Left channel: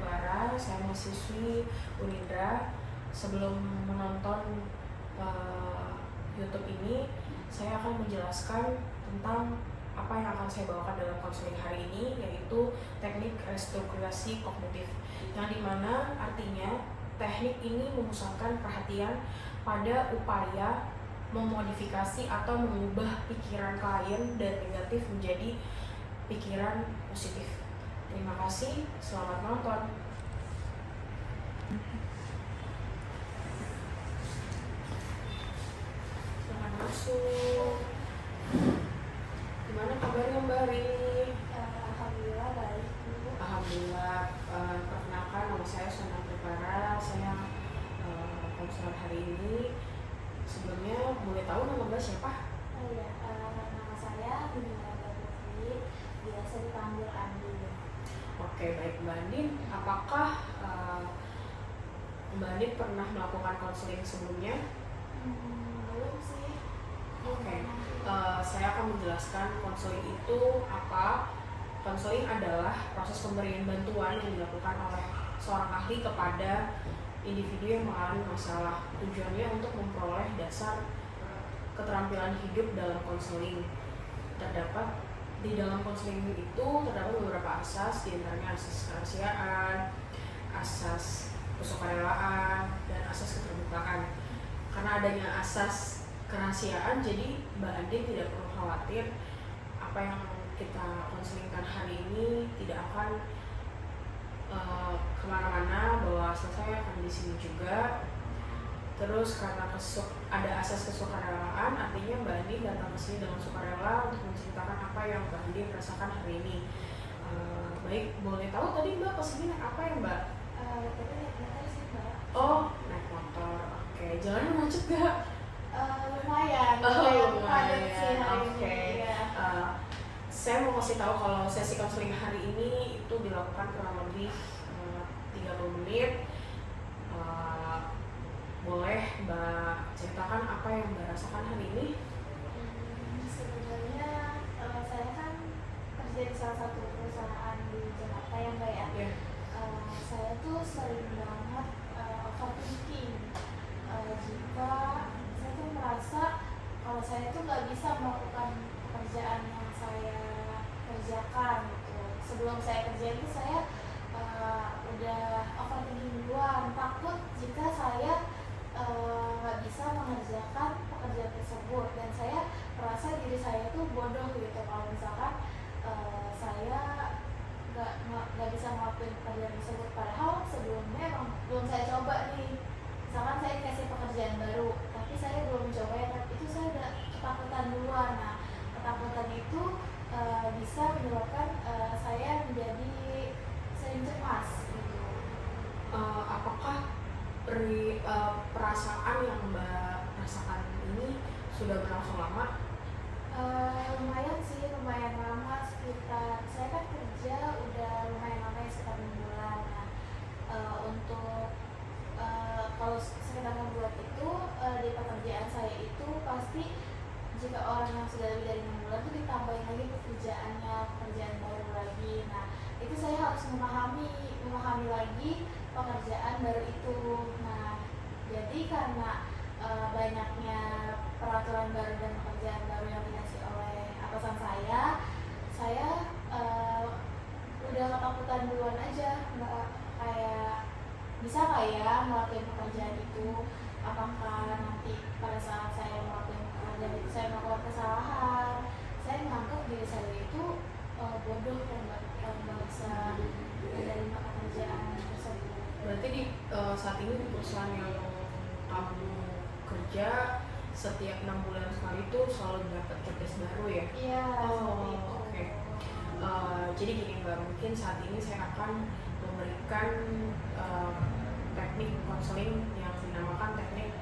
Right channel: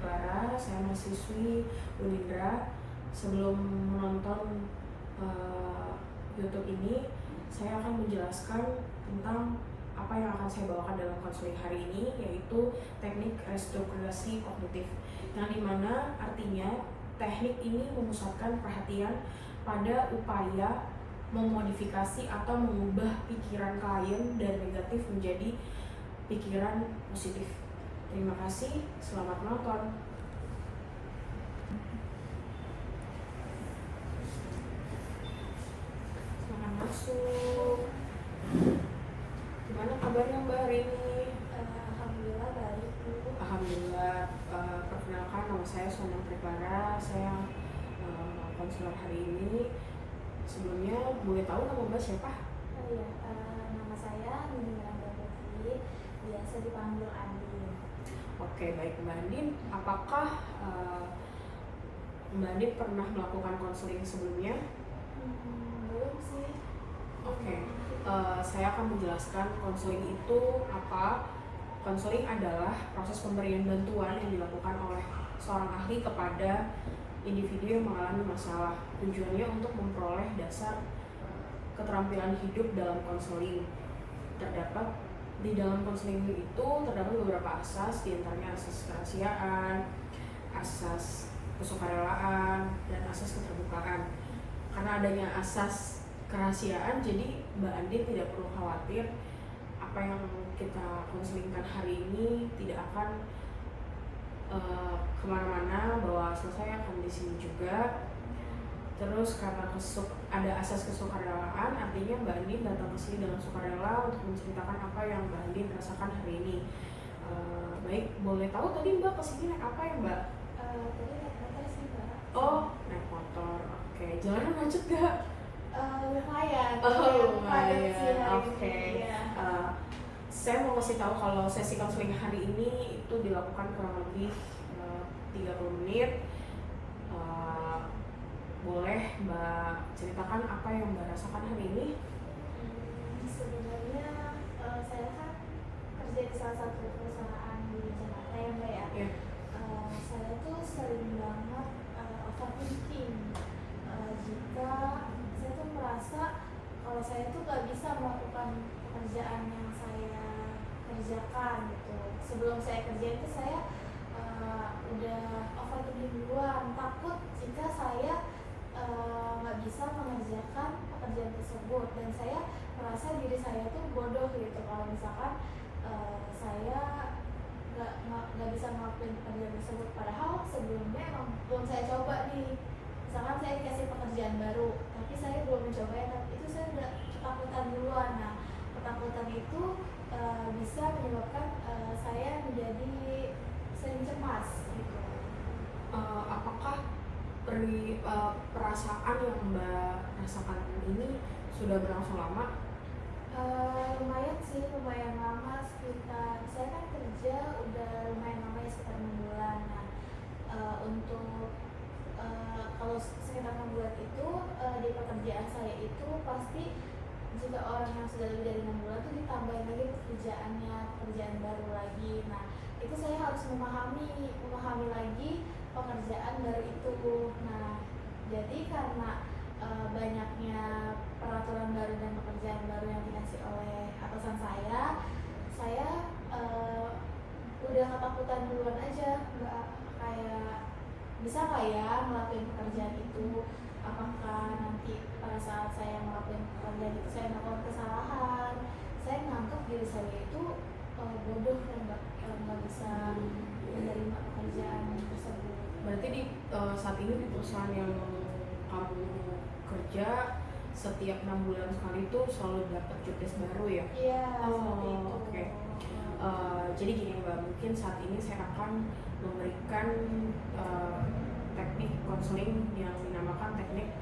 Triklara, saya mahasiswi Unindra. Sebelum menonton YouTube ini, saya akan menjelaskan tentang apa yang akan saya bawakan dalam konseling hari ini, yaitu teknik restrukturisasi kognitif, yang dimana artinya teknik ini memusatkan perhatian pada upaya memodifikasi atau mengubah pikiran klien dari negatif menjadi pikiran positif. Terima kasih, selamat menonton. Silakan masuk. Gimana kabarnya Mbak Rini? Alhamdulillah baik Bu. Alhamdulillah. Perkenalkan, nama saya Sonang Triklara. Saya konselor hari ini. Sebelumnya boleh tahu nama Mbak siapa? Nama saya Nindya Putri, biasa dipanggil Andin. Oke, baik Mbak Andin. Apakah Mbak Andin pernah melakukan konseling sebelumnya? Belum sih. Oke, saya akan menjelaskan konseling itu apa. Konseling adalah proses pemberian bantuan yang dilakukan oleh seorang ahli kepada individu yang mengalami masalah. Tujuannya untuk memperoleh dasar keterampilan hidup dalam konseling. Terdapat di dalam konseling itu terdapat beberapa asas, diantaranya asas kerahasiaan, asas kesukarelaan, dan asas keterbukaan. Karena adanya asas kerahasiaan, jadi Mbak Andin tidak perlu khawatir apa yang kita konselingkan hari ini tidak akan kemana-mana, bahwa saya akan di sini juga. Terus karena ada asas kesukarelaan, artinya Mbak Andin datang ke sini dengan sukarela untuk menceritakan apa yang Mbak Andin rasakan hari ini. Baik, boleh tahu tadi Mbak kesini naik apa ya Mbak? Tadi naik motor sih Mbak. Oh, naik motor. Oke, jalannya macet gak? Lumayan. Lumayan. Sih hari Oke. ini. Ya. Saya mau kasih tahu kalau sesi konseling hari ini itu dilakukan kurang lebih 30 menit. Boleh Mbak ceritakan apa yang Mbak rasakan hari ini? Sebenarnya saya kan kerja di salah satu perusahaan di Jakarta ya Mbak ya. Yeah. Saya tuh sering banget overthinking. Jika saya tuh merasa kalau saya tuh nggak bisa melakukan pekerjaan yang saya kerjakan gitu. Sebelum saya kerjain tuh saya udah overthinking duluan, takut jika saya nggak bisa mengerjakan pekerjaan tersebut, dan saya merasa diri saya tuh bodoh gitu kalau misalkan saya nggak bisa ngelakuin pekerjaan tersebut, padahal sebelumnya emang belum saya coba nih. Misalkan saya dikasih pekerjaan baru tapi saya belum mencoba ya, tapi itu saya udah ketakutan duluan. Nah, ketakutan itu bisa menyebabkan saya menjadi sering cemas gitu. Apakah perasaan yang Mbak rasakan ini sudah berlangsung lama? Lumayan sih, lumayan lama, sekitar saya kan kerja udah lumayan lama ya, sekitar 6 bulan. Nah, untuk kalau sekitar 6 bulan itu di pekerjaan saya itu pasti jika orang yang sudah lebih dari 6 bulan itu ditambahin lagi pekerjaan baru lagi. Nah, itu saya harus memahami lagi pekerjaan baru itu. Nah, jadi karena banyaknya peraturan baru dan pekerjaan baru yang dikasih oleh atasan saya udah ketakutan duluan aja Mbak, kayak bisa nggak ya melakukan pekerjaan itu, apakah nanti pada saat saya melakukan pekerjaan itu saya melakukan kesalahan, saya menganggap diri saya itu bodoh dan nggak bisa menerima pekerjaan tersebut. Berarti di saat ini di perusahaan yang kamu kerja setiap 6 bulan sekali itu selalu dapat job desk baru ya? Iya. Oke. Jadi gini Mbak, mungkin saat ini saya akan memberikan teknik konseling yang dinamakan teknik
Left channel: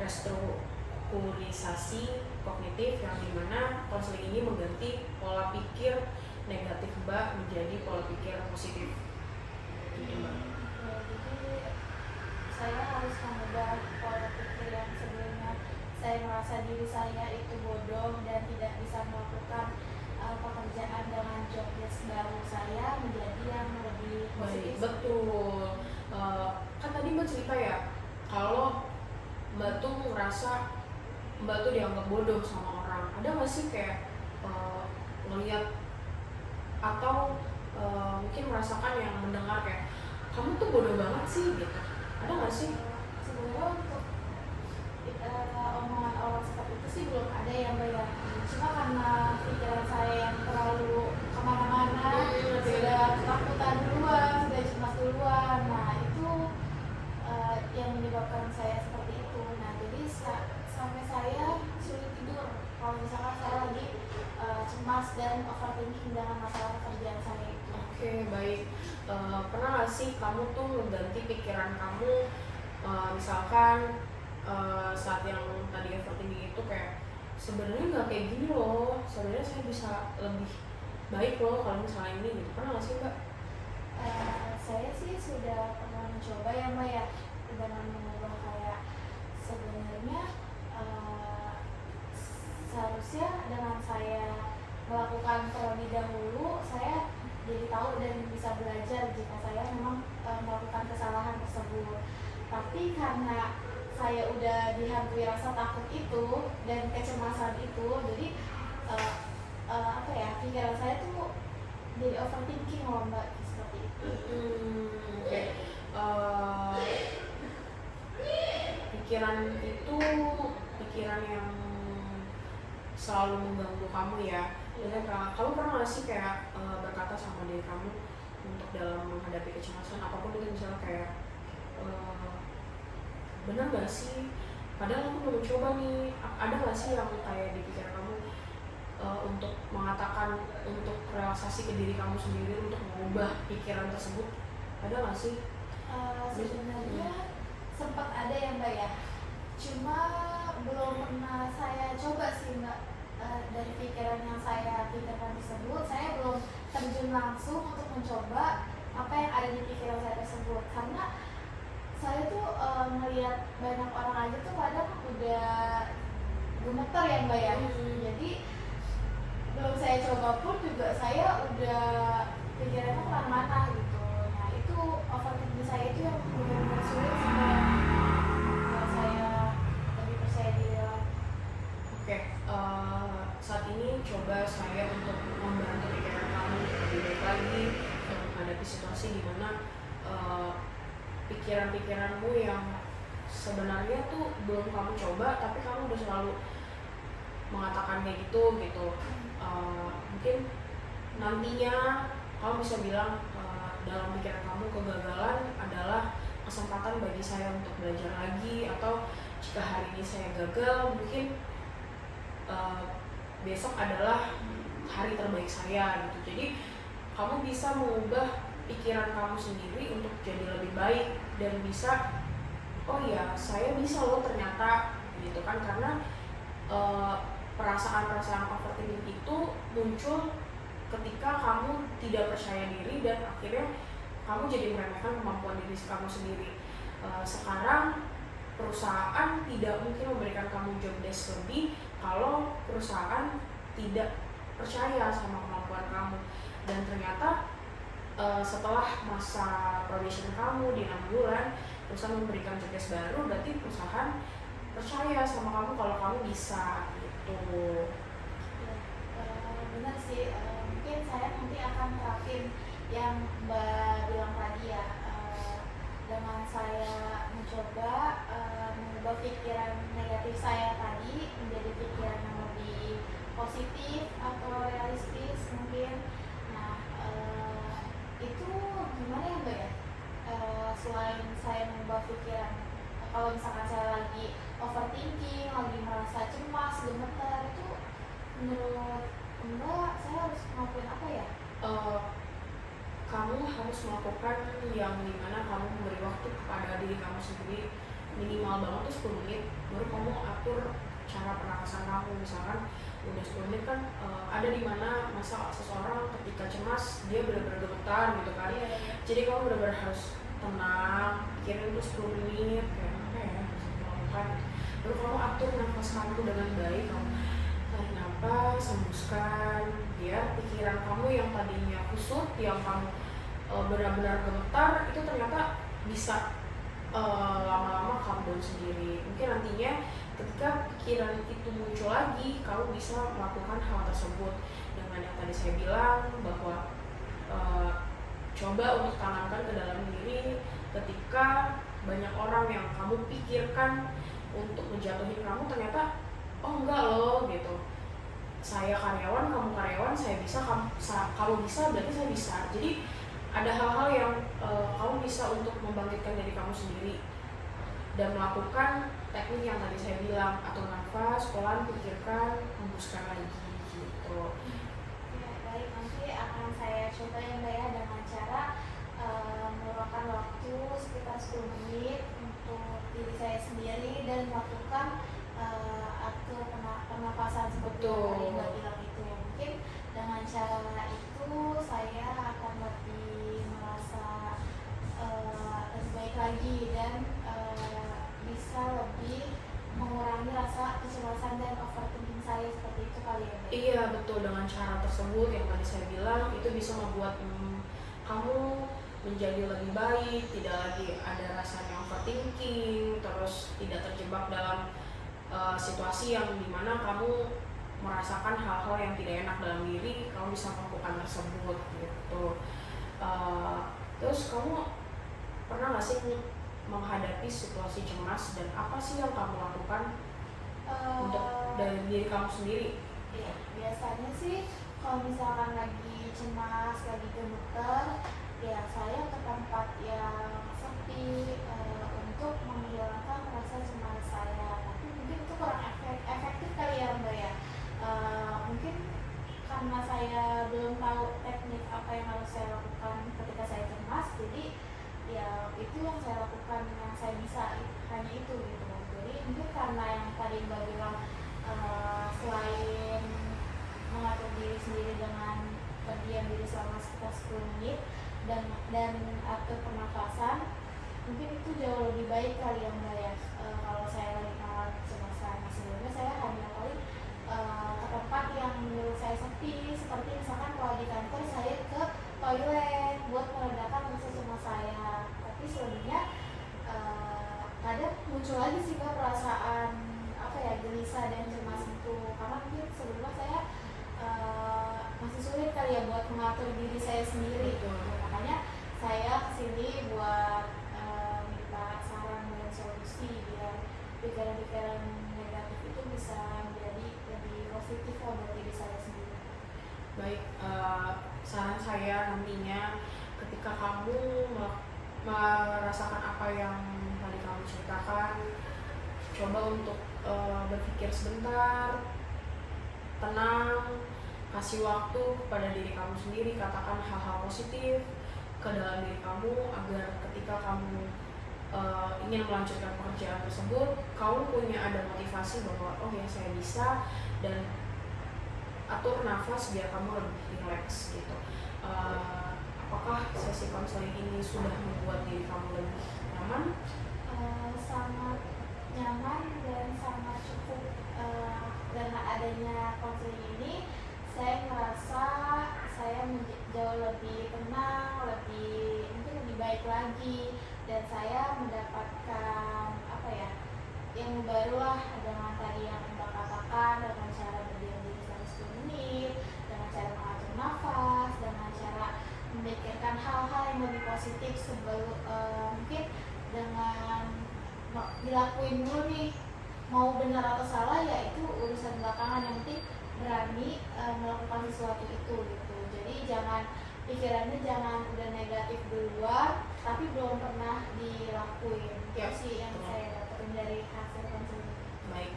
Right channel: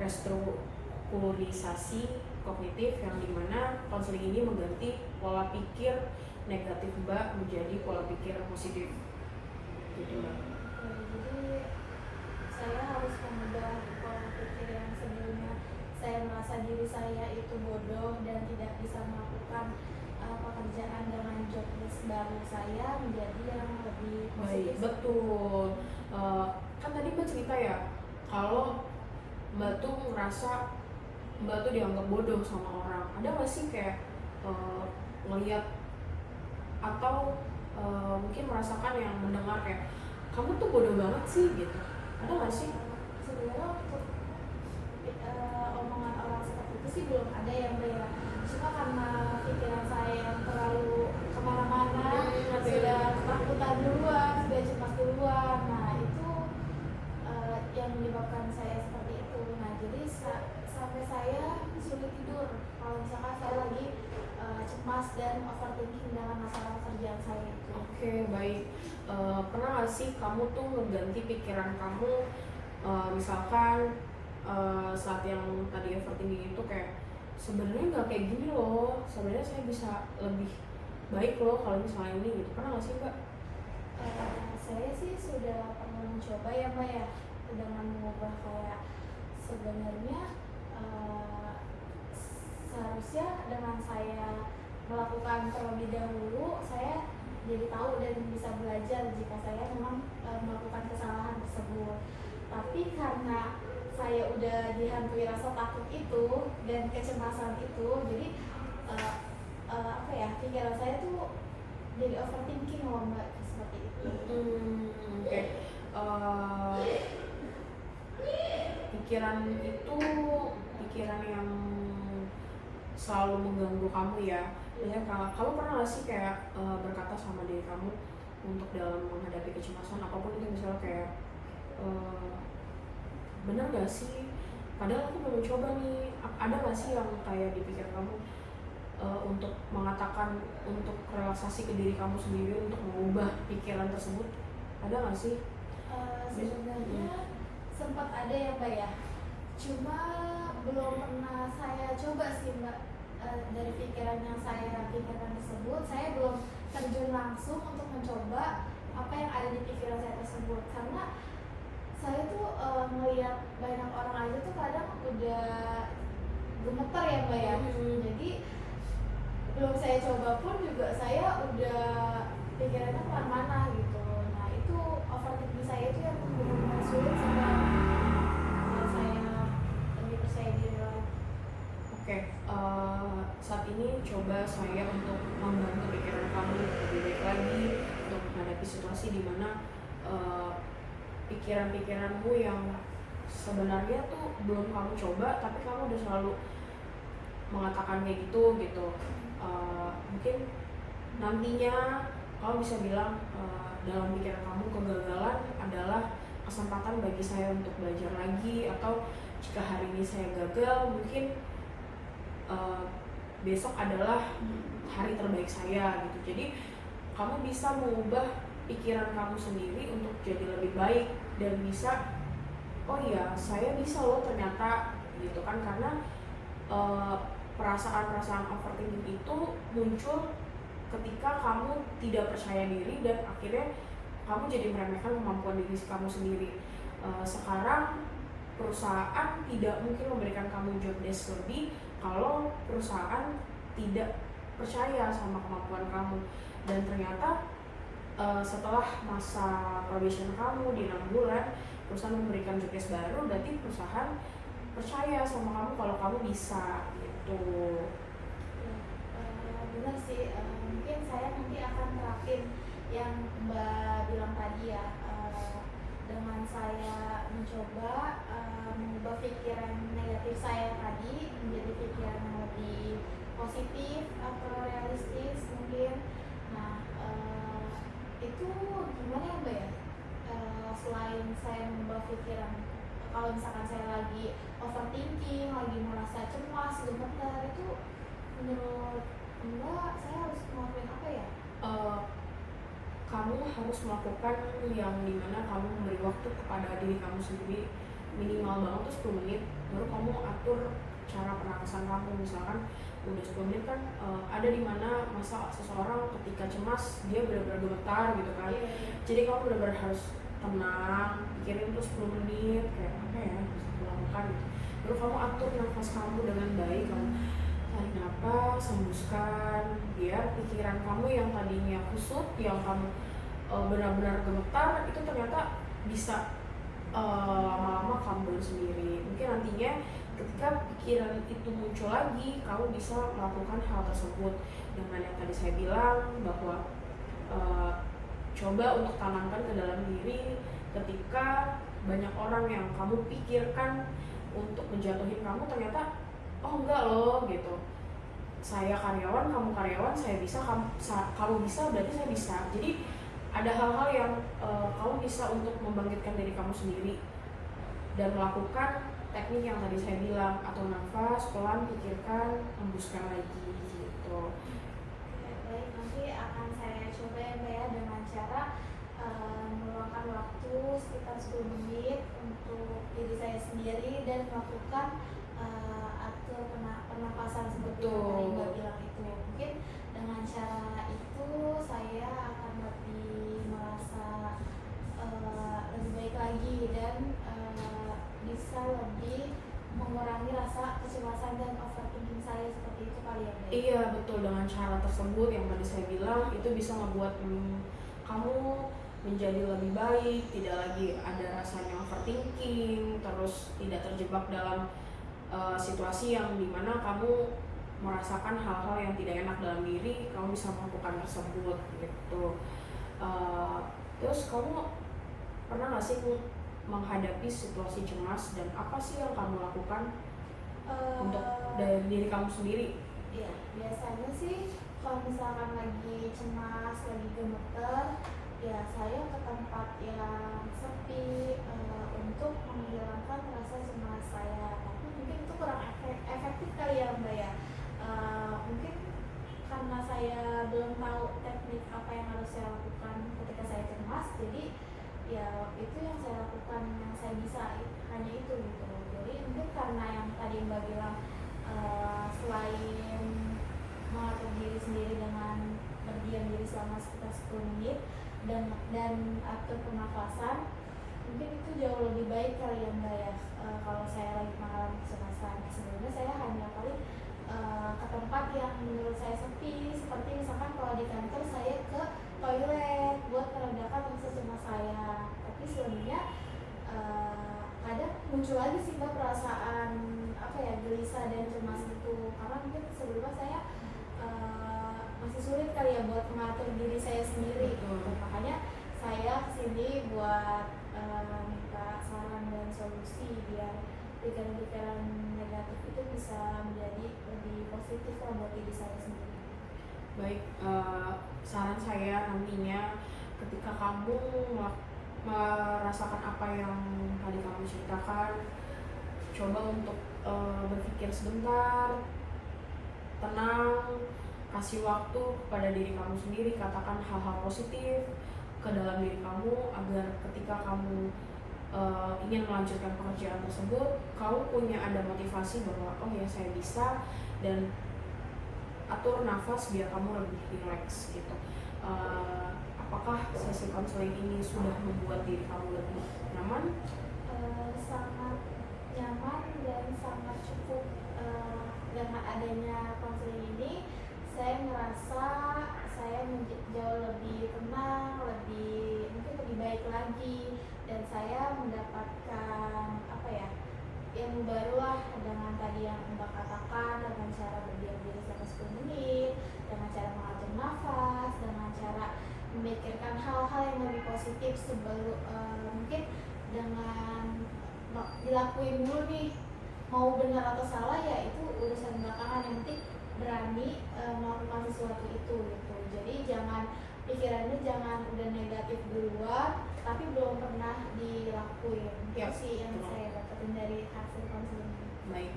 restrukturisasi kognitif, yang dimana konseling ini mengganti pola pikir negatif Mbak menjadi pola pikir positif. Gitu Mbak. Jadi saya harus mengubah pola pikir yang sebelumnya saya merasa diri saya itu bodoh dan tidak bisa melakukan pekerjaan dengan job desk baru saya menjadi yang lebih positif. Betul. kita ya kalau Mbak tuh ngerasa Mbak tuh dianggap bodoh sama orang. Ada nggak sih kayak ngelihat atau mungkin merasakan yang mendengar kayak kamu tuh bodoh banget sih gitu? Ada nggak sih? Sebenarnya untuk omongan orang seperti itu sih belum ada yang banyak. Cuma karena pikiran saya yang terlalu kemana-mana, sudah ketakutan duluan, sudah cemas duluan. Nah itu yang menyebabkan saya seperti itu. Nah jadi sampai saya sulit tidur kalau misalkan saya lagi cemas dan overthinking dengan masalah kerjaan saya itu. Oke, baik. Pernah nggak sih kamu tuh mengganti pikiran kamu, misalkan saat yang tadi overthinking itu kayak sebenarnya nggak kayak gini loh, sebenarnya saya bisa lebih baik loh kalau misalnya ini gitu. Pernah nggak sih Mbak? Saya sih sudah pernah mencoba ya Mbak ya, dengan mengubah kayak sebenarnya seharusnya dengan saya melakukan terlebih dahulu saya jadi tahu dan bisa belajar jika saya memang melakukan kesalahan tersebut. Tapi karena saya udah dihantui rasa takut itu dan kecemasan itu, jadi apa ya, pikiran saya tuh jadi overthinking loh Mbak, seperti itu. Oke. Pikiran itu pikiran yang selalu mengganggu kamu ya. Biasanya kamu pernah nggak sih kayak berkata sama diri kamu untuk dalam menghadapi kecemasan apapun itu, misalnya kayak bener gak sih, padahal aku mau mencoba nih, ada gak sih yang kayak di pikiran kamu untuk mengatakan, untuk relaksasi ke diri kamu sendiri untuk mengubah pikiran tersebut, ada gak sih? Sebenarnya sempat ada ya Mbak ya, cuma belum pernah saya coba sih Mbak. Dari pikiran yang saya pikirkan tersebut, saya belum terjun langsung untuk mencoba apa yang ada di pikiran saya tersebut, karena saya tuh melihat banyak orang aja tuh kadang udah gemeter ya Mbak ya. Jadi belum saya coba pun juga saya udah pikirannya kemana-mana gitu. Nah itu overthinking saya itu yang benar-benar sulit sih Mbak. Kalau saya lebih percaya diri lagi. Oke, saat ini coba saya untuk membantu pikiran kamu lebih baik lagi untuk menghadapi situasi di mana pikiran-pikiranmu yang sebenarnya tuh belum kamu coba tapi kamu udah selalu mengatakan kayak gitu. Mungkin nantinya kamu bisa bilang dalam pikiran kamu kegagalan adalah kesempatan bagi saya untuk belajar lagi, atau jika hari ini saya gagal mungkin besok adalah hari terbaik saya gitu. Jadi kamu bisa mengubah pikiran kamu sendiri untuk jadi lebih baik dan bisa, oh iya saya bisa loh ternyata gitu kan, karena perasaan-perasaan overthinking itu muncul ketika kamu tidak percaya diri dan akhirnya kamu jadi meremehkan kemampuan diri kamu sendiri. Sekarang perusahaan tidak mungkin memberikan kamu job desk lebih kalau perusahaan tidak percaya sama kemampuan kamu. Dan ternyata setelah masa probation kamu di 6 bulan perusahaan memberikan job desk baru, berarti perusahaan percaya sama kamu kalau kamu bisa gitu. Benar sih, mungkin saya nanti akan terapin yang Mbak bilang tadi ya, dengan saya mencoba mengubah pikiran negatif saya tadi menjadi pikiran yang lebih positif atau realistis mungkin. Nah itu gimana ya Mbak ya, selain saya mengubah pikiran, kalau misalkan saya lagi overthinking, lagi merasa cemas, gemeter, itu menurut Mbak saya harus ngelakuin apa ya? Kamu harus melakukan yang dimana kamu memberi waktu kepada diri kamu sendiri minimal banget tuh 10 menit, baru kamu atur cara pernapasan kamu. Misalkan udah 10 menit kan ada di mana masa seseorang ketika cemas dia benar-benar gemetar gitu kan. Jadi kamu benar-benar harus tenang, pikirin itu 10 menit kayak apa ya bisa melakukan gitu. Baru kamu atur nafas kamu dengan baik, kamu tarik nafas, hembuskan, biar pikiran kamu yang tadinya kusut, yang kamu benar-benar gemetar itu ternyata bisa lama-lama calm down sendiri. Mungkin nantinya ketika pikiran itu muncul lagi, kamu bisa melakukan hal tersebut dengan yang tadi saya bilang bahwa uh, coba untuk tanamkan ke dalam diri ketika banyak orang yang kamu pikirkan untuk menjatuhin kamu, ternyata oh enggak loh gitu, saya karyawan, kamu karyawan, saya bisa, kamu bisa, berarti saya bisa. Jadi ada hal-hal yang kamu bisa untuk membangkitkan diri kamu sendiri dan melakukan teknik yang tadi saya bilang, atau nafas, pelan, pikirkan, hembuskan lagi gitu. Oke, baik, nanti akan saya coba ya Mbak ya, dengan cara meluangkan waktu sekitar 10 menit untuk diri saya sendiri dan melakukan atur pernapasan seperti yang tadi Mbak bilang itu. Mungkin dengan cara itu saya akan lebih merasa lebih baik lagi dan bisa lebih mengurangi rasa kecemasan dan overthinking saya seperti itu kali ya. Iya betul, dengan cara tersebut yang tadi saya bilang itu bisa membuat kamu menjadi lebih baik, tidak lagi ada rasanya overthinking, terus tidak terjebak dalam situasi yang dimana kamu merasakan hal-hal yang tidak enak dalam diri, kamu bisa melakukan tersebut gitu. Terus kamu pernah nggak sih menghadapi situasi cemas dan apa sih yang kamu lakukan untuk dari diri kamu sendiri? Iya, biasanya sih kalau misalkan lagi cemas, lagi gemeter, ya saya ke tempat yang sepi untuk menghilangkan rasa cemas saya. Tapi mungkin itu kurang efektif kali ya Mbak ya. Mungkin karena saya belum tahu teknik apa yang harus saya lakukan ketika saya cemas, jadi ya itu yang saya lakukan, yang saya bisa hanya itu gitu. Jadi mungkin karena yang tadi Mbak bilang selain mengatur diri sendiri dengan berdiam diri selama sekitar 10 menit dan atur pernafasan, mungkin itu jauh lebih baik kali ya Mbak ya. Kalau saya lagi mengalami kecemasan, sebelumnya saya hanya paling ke tempat yang menurut saya sepi, seperti misalkan kalau di kantor saya ke toilet buat meredakan rasa cemas saya. Tapi selebihnya kadang muncul lagi sih Mbak perasaan apa ya, gelisah dan cemas itu, karena mungkin sebelumnya saya masih sulit kali ya buat mengatur diri saya sendiri. Makanya saya kesini buat minta saran dan solusi biar pikiran-pikiran negatif itu bisa menjadi lebih positif lah buat diri saya sendiri. Baik, saran saya nantinya ketika kamu merasakan apa yang tadi kamu ceritakan, coba untuk berpikir sebentar, tenang, kasih waktu kepada diri kamu sendiri, katakan hal-hal positif ke dalam diri kamu agar ketika kamu ingin melanjutkan pekerjaan tersebut, kamu punya ada motivasi bahwa oh ya saya bisa, dan atur nafas biar kamu lebih rileks gitu. Apakah sesi konseling ini sudah membuat diri kamu lebih nyaman? Sangat nyaman dan sangat cukup. Dengan adanya konseling ini saya merasa saya jauh lebih tenang, mungkin lebih baik lagi, dan saya mendapatkan apa ya, ilmu baru lah dengan tadi yang Mbak katakan, dengan cara berdiam diri selama 10 menit, dengan cara mengatur nafas, dengan cara memikirkan hal-hal yang lebih positif sebelum mungkin dengan dilakuin dulu nih, mau benar atau salah ya itu urusan belakangan, yang penting berani melakukan sesuatu itu gitu. Jadi pikirannya jangan udah negatif duluan tapi belum pernah dilakuin. Itu sih yang saya dapetin dari hasil konseling ini. Baik,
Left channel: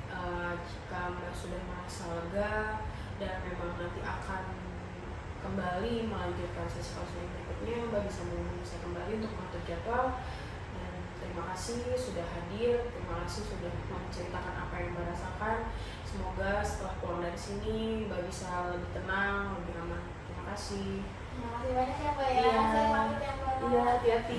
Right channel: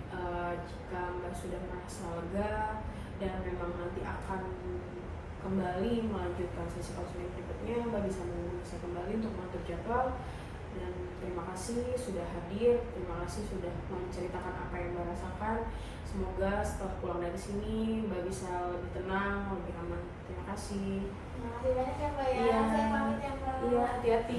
jika Mbak sudah merasa lega dan memang nanti akan kembali melanjutkan sesi konseling berikutnya, Mbak bisa menghubungi saya kembali untuk mengatur jadwal. Dan terima kasih sudah hadir, terima kasih sudah menceritakan apa yang Mbak rasakan. Semoga setelah pulang dari sini Mbak bisa lebih tenang, lebih aman. Terima kasih. Terima kasih banyak ya Mbak ya. Iya. Saya pamit ya Mbak. Iya, hati-hati.